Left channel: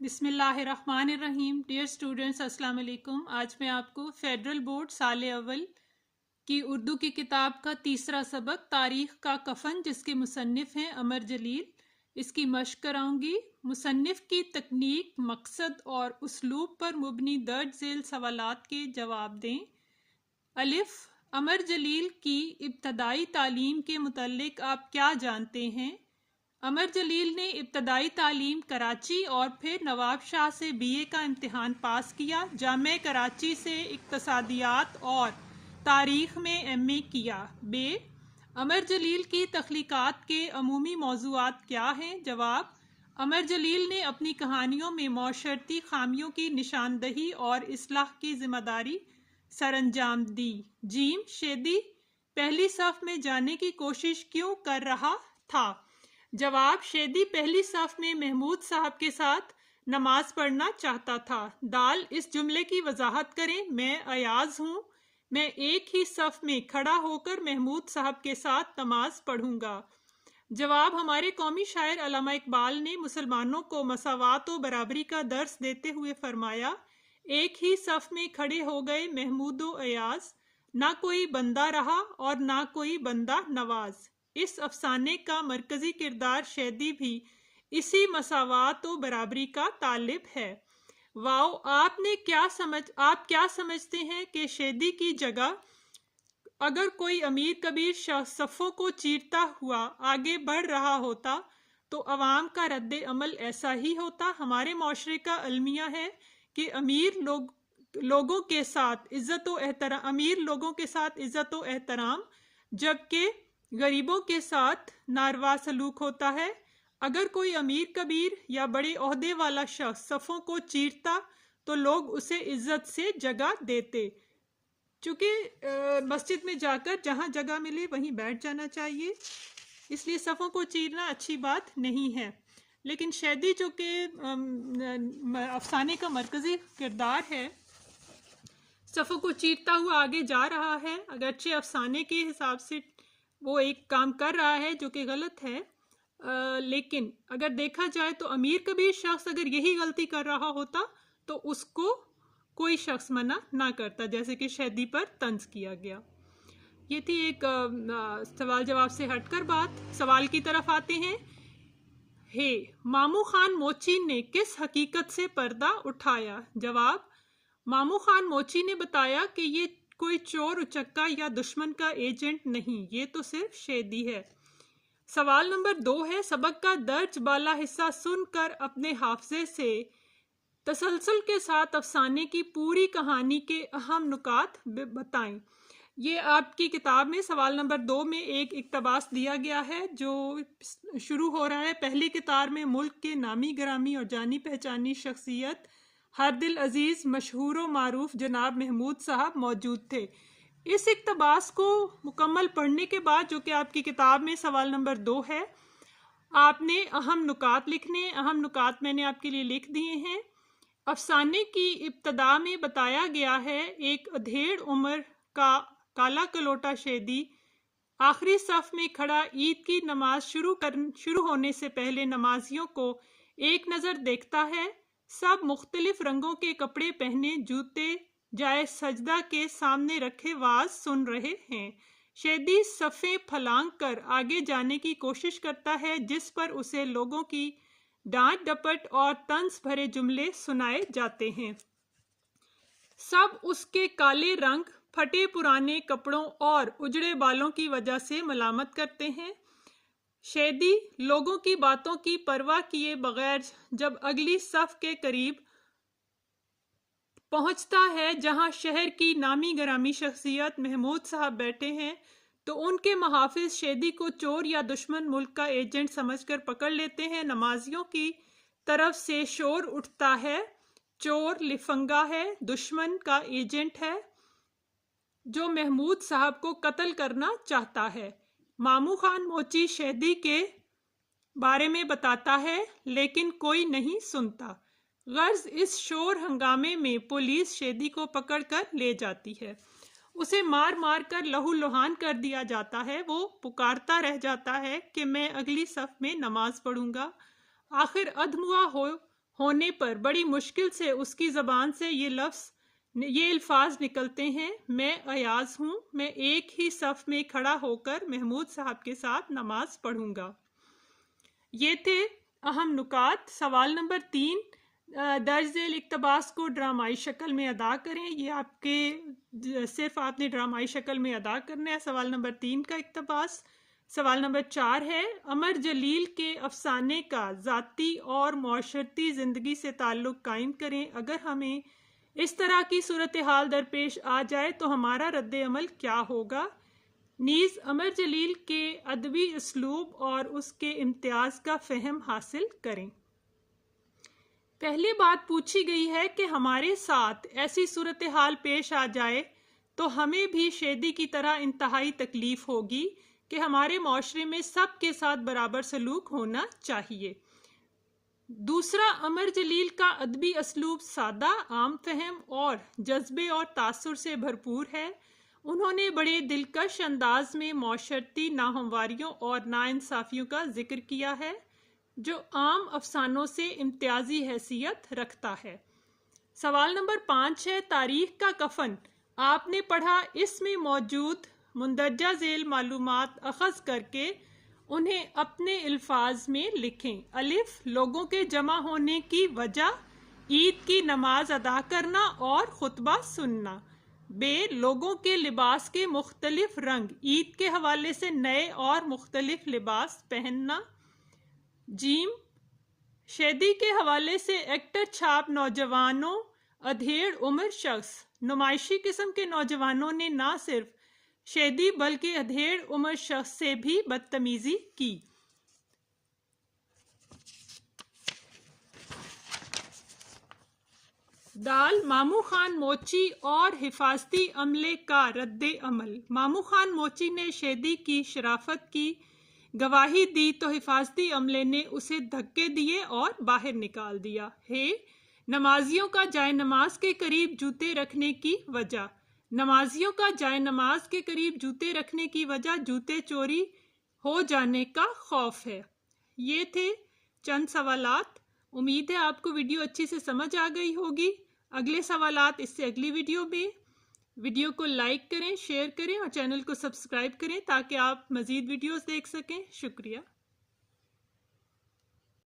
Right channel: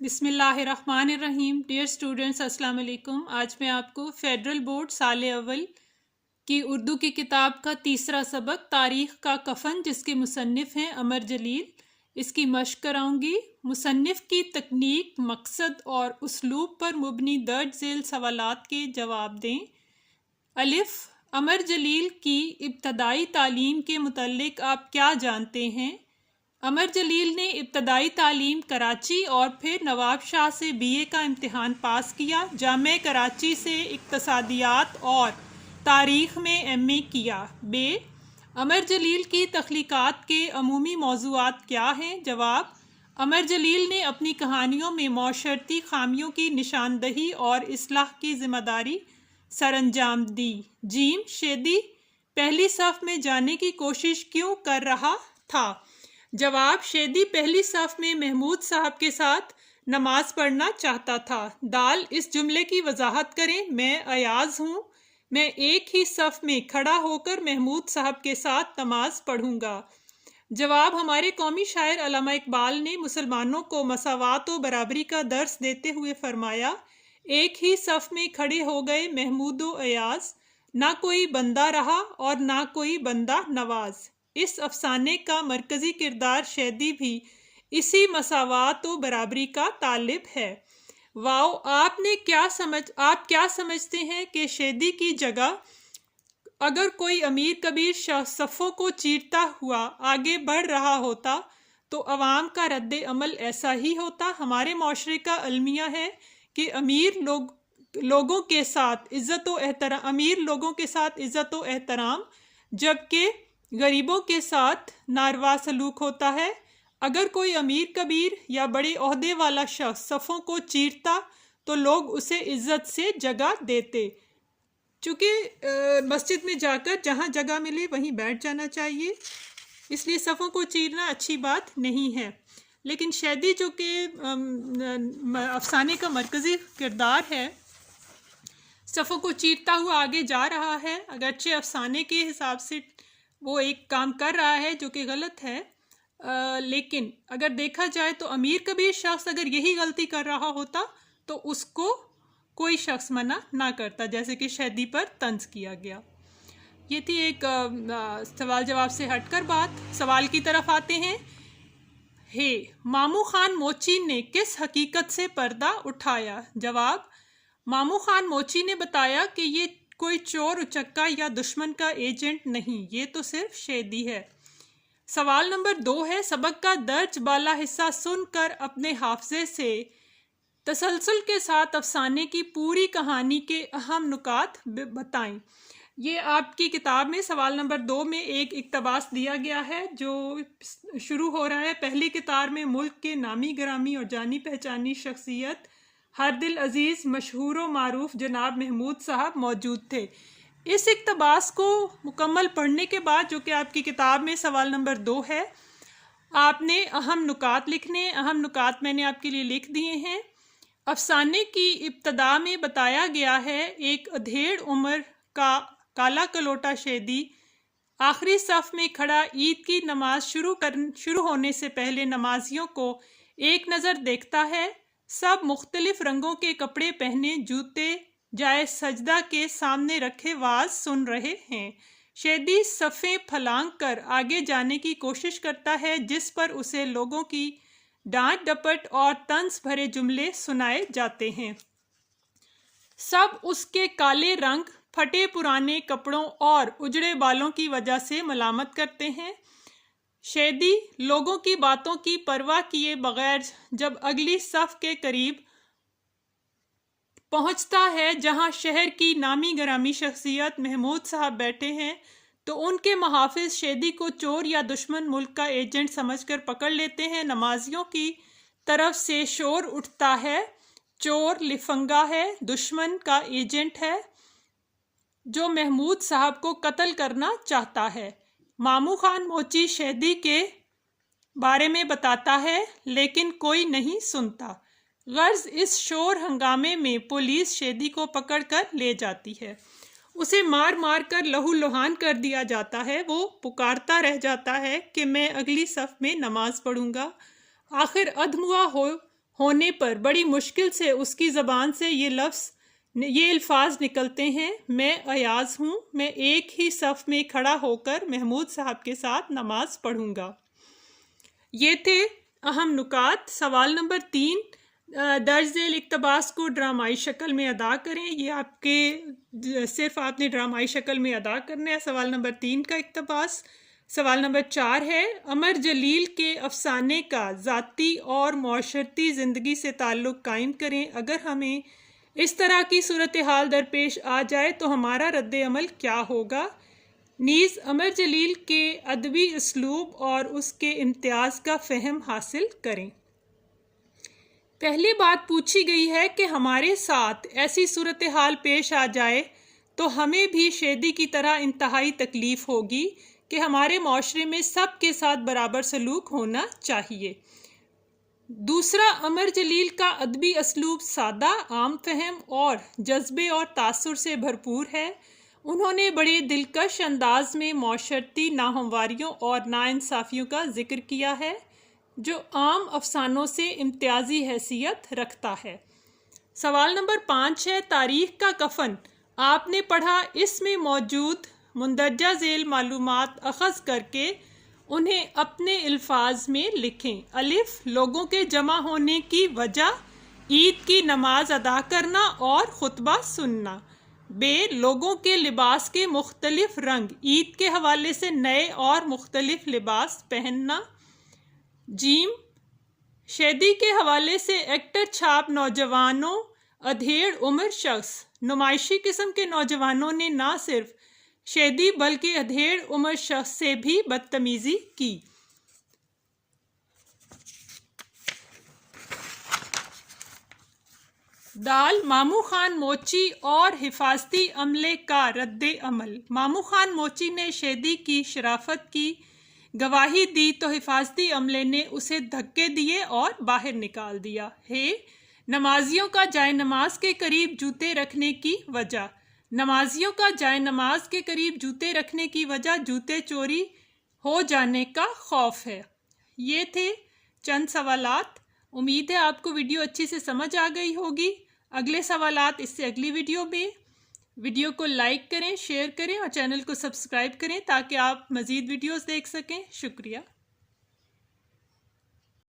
بسم اللہ الرحمن الرحیم. ڈیئر اسٹوڈنٹس، السلام علیکم. آج میں آپ کو فیڈرل بورڈ سال اول کی اردو کی کتاب کا تیسرا سبق تاریخ کا کفن، جس کے مصنف ہیں عمر جلیل، اس کی مشق کراؤں گی. مصنف کی تکنیک، مقصد اور اسلوب پر مبنی درج ذیل سوالات کے جواب دیں. الف. عمر جلیل کی ابتدائی تعلیم کے متعلق آپ کیا جانتے ہیں؟ عمر جلیل نے ابتدائی تعلیم کراچی اور پھر نواب شاہ سے BA کا امتحان پاس کیا. جامعہ کراچی سے اقتصادیات اور تاریخ میں MA کیا. ب. عمر جلیل کی تخلیقات کے عمومی موضوعات کیا ہیں؟ جواب: عمر جلیل نے اپنی کہانیوں میں معاشرتی خامیوں کی نشاندہی اور اصلاح کی ذمہ داری سر انجام دی. ج. شیدی پہلی صف میں جانے کی کوشش کیوں کر رہا تھا؟ جواب: شیدی پہلی صف میں محمود صاحب کے ساتھ نماز پڑھنا چاہتا تھا. د. اس جملے کی وضاحت کریں. میں ایاز ہوں. میں ایک ہی صف میں کھڑا ہو کر محمود صاحب کے ساتھ نماز پڑھوں گا. جواب: ہمارے قومی شاعر علامہ اقبال نے مسلمانوں کو مساوات و برابری کا درس دیتے ہوئے فرمایا: ایک ہی صف میں کھڑے ہو گئے محمود و ایاز، نہ کوئی بندہ رہا اور نہ کوئی بندہ نواز. اس افسانے کا مرکزی کردار شیدی بھی اسی مساوات و برابری کا طالب ہے. واؤ. آپ کیا سمجھتے ہیں کہ شیدی کی جگہ اگر کوئی امیر کبیر شخص صفوں کو چیرتا ہوا آگے بڑھ رہا ہوتا تو عوام کا رد عمل ایسا ہی ہوتا؟ ہمارے معاشرے کا المیہ ہے کہ امیر لوگوں کے ساتھ عزت و احترام جبکہ غریبوں کے ساتھ ناروا سلوک ہوتا ہے. اگر کوئی امیر کبیر یا بڑے عہدے والا شخص صفوں کو چیرتا تو لوگ اسے عزت سے جگہ دیتے. چونکہ مسجد میں جا کر جہاں جگہ ملے وہیں بیٹھ جانا چاہیے، اس لیے صفوں کو چیرنا اچھی بات نہیں ہے. لیکن شیدی جو کہ افسانے کا مرکزی کردار ہے، صفوں کو چیرتا ہوا آگے جا رہا ہے. اگرچہ افسانے کے حساب سے وہ ایک کام کر رہا ہے جو کہ غلط ہے، لیکن اگر دیکھا جائے تو امیر کبیر شخص اگر یہی غلطی کر رہا ہوتا تو اس کو کوئی شخص منع نہ کرتا، جیسے کہ شیدی پر طنز کیا گیا. یہ تھی ایک سوال جواب سے ہٹ کر بات. سوال کی طرف آتے ہیں. مامو خان موچی نے کس حقیقت سے پردہ اٹھایا؟ جواب: مامو خان موچی نے بتایا کہ یہ کوئی چور اچکا یا دشمن کا ایجنٹ نہیں، یہ تو صرف شیدی ہے. سوال نمبر 2 ہے. سبق کا درج بالا حصہ سن کر اپنے حافظے سے تسلسل کے ساتھ افسانے کی پوری کہانی کے اہم نکات بتائیں. یہ آپ کی کتاب میں سوال نمبر 2 میں ایک اقتباس دیا گیا ہے جو شروع ہو رہا ہے: پہلی کتار میں ملک کے نامی گرامی اور جانی پہچانی شخصیت ہر دل عزیز مشہور و معروف جناب محمود صاحب موجود تھے. اس اقتباس کو مکمل پڑھنے کے بعد، جو کہ آپ کی کتاب میں سوال نمبر 2 ہے، آپ نے اہم نکات لکھنے. اہم نکات میں نے آپ کے لیے لکھ دیے ہیں. افسانے کی ابتدا میں بتایا گیا ہے: ایک ادھیڑ عمر کا کالا کلوٹا شیدی آخری صف میں کھڑا عید کی نماز شروع ہونے سے پہلے نمازیوں کو ایک نظر دیکھتا ہے. سب مختلف رنگوں کے کپڑے پہنے، جوتے جائے سجدہ کے سامنے رکھے واز سن رہے ہیں. شیدی صفیں پھلانگ کر آگے جانے کی کوشش کرتا ہے، جس پر اسے لوگوں کی ڈانٹ ڈپٹ اور طنز بھرے جملے سنائے جاتے ہیں. سب اس کے کالے رنگ، پھٹے پرانے کپڑوں اور اجڑے بالوں کی وجہ سے ملامت کرتے ہیں. شیدی لوگوں کی باتوں کی پرواہ کیے بغیر جب اگلی صف کے قریب پہنچتا ہے جہاں شہر کی نامی گرامی شخصیت محمود صاحب بیٹھے ہیں تو ان کے محافظ شیدی کو چور یا دشمن ملک کا ایجنٹ سمجھ کر پکڑ لیتے ہیں. نمازیوں کی طرف سے شور اٹھتا ہے: چور لفنگا ہے، دشمن کا ایجنٹ ہے جو محمود صاحب کو قتل کرنا چاہتا ہے. مامو خان موچی شیدی کے بارے میں بتاتا ہے لیکن کوئی نہیں سنتا. غرض اس شور ہنگامے میں پولیس شیدی کو پکڑ کر لے جاتی ہے. اسے مار مار کر لہو لہان کر دیا جاتا ہے. وہ پکارتا رہ جاتا ہے کہ میں اگلی صف میں نماز پڑھوں گا. آخر ادھموا ہونے پر بڑی مشکل سے اس کی زبان سے یہ الفاظ نکلتے ہیں، میں ایاز ہوں، میں ایک ہی صف میں کھڑا ہو کر محمود صاحب کے ساتھ نماز پڑھوں گا۔ یہ تھے اہم نکات۔ سوال نمبر 3، درج ذیل اقتباس کو ڈرامائی شکل میں ادا کریں۔ یہ آپ کے صرف آپ نے ڈرامائی شکل میں ادا کرنا ہے سوال نمبر 3 کا اقتباس۔ سوال نمبر 4 ہے، عمر جلیل کے افسانے کا ذاتی اور معاشرتی زندگی سے تعلق قائم کریں۔ اگر ہمیں اس طرح کی صورتحال درپیش آ جائے تو ہمارا رد عمل کیا ہوگا؟ نیز عمر جلیل کے ادبی اسلوب اور اس کے امتیاز کا فہم حاصل کریں۔ پہلی بات پوچھی گئی ہے کہ ہمارے ساتھ ایسی صورتحال پیش آ جائے تو ہمیں بھی شیدی کی طرح انتہائی تکلیف ہوگی کہ ہمارے معاشرے میں سب کے ساتھ برابر سلوک ہونا چاہیے۔ دوسرا، عمر جلیل کا ادبی اسلوب سادہ، عام فہم اور جذبے اور تاثر سے بھرپور ہے۔ انہوں نے بڑے دلکش انداز میں معاشرتی ناہمواریوں اور ناانصافیوں کا ذکر کیا ہے جو عام افسانوں سے امتیازی حیثیت رکھتا ہے۔ سوال نمبر 5 ہے، تاریخ کا کفن آپ نے پڑھا، اس میں موجود مندرجہ ذیل معلومات اخذ کر کے انہیں اپنے الفاظ میں لکھیں۔ الف، لوگوں کے جمع ہونے کی وجہ عید کی نماز ادا کرنا اور خطبہ سننا۔ ب، لوگوں کے لباس کے مختلف رنگ عید کے حوالے سے نئے اور مختلف لباس پہننا۔ جیم، شیدی کے حوالے سے ایکٹر چھاپ نوجوانوں ادھیڑ عمر شخص، نمائشی قسم کے نوجوانوں نے نہ صرف شیدی بلکہ ادھیڑ عمر شخص سے بھی بدتمیزی کی۔ دال، مامو خان موچی اور حفاظتی عملے کا رد عمل۔ مامو خان موچی نے شیدی کی شرافت کی گواہی دی تو حفاظتی عملے نے اسے دھکے دیے اور باہر نکال دیا۔ ہے، نمازیوں کا جائے نماز کے قریب جوتے رکھنے کی وجہ۔ نمازیوں کا جائے نماز کے قریب جوتے رکھنے کی وجہ جوتے چوری ہو جانے کا خوف ہے۔ یہ تھے چند سوالات۔ امید ہے آپ کو ویڈیو اچھی سے سمجھ آ گئی ہوگی۔ اگلے سوالات اس سے اگلی ویڈیو میں۔ ویڈیو کو لائک کریں، شیئر کریں اور چینل کو سبسکرائب کریں تاکہ آپ مزید ویڈیوز دیکھ سکیں۔ شکریہ۔